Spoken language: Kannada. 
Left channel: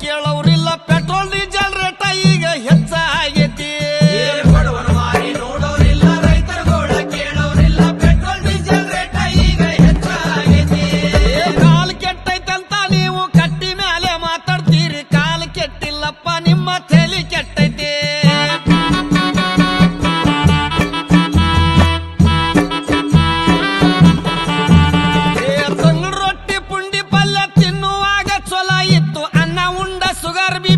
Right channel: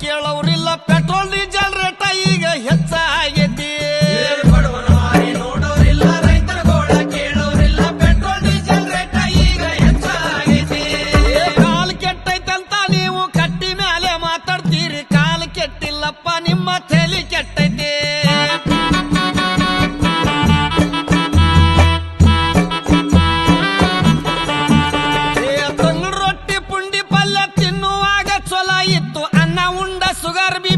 ಕೇಳೋರಿಲ್ಲ ಪೆಟ್ರೋಲ್ ಡೀಸೆಲ್ ರೇಟ ಈಗ ಹೆಚ್ಚಾಗೈತಿ ಕಾಲ್ ಕೆಟ್ಟೈತಂತ ನೀವು ಕಟ್ಟಿ ಮೇಲೆ ಮಾತಾಡ್ತೀರಿ ಕಾಲ್ ಕೆಟ್ಟಿಲ್ಲಪ್ಪ ನಿಮ್ಮ ತಲೆ ಕೆಟ್ಟೈತಿ ತಂಗ್ಳು ರೊಟ್ಟಿ ಪುಂಡಿ ಪಲ್ಯ ತಿನ್ನುವಾಗ ಚೊಲ ಇತ್ತು ಅನ್ನ ಉಂಡ ಸುಗರ್ ಬಿ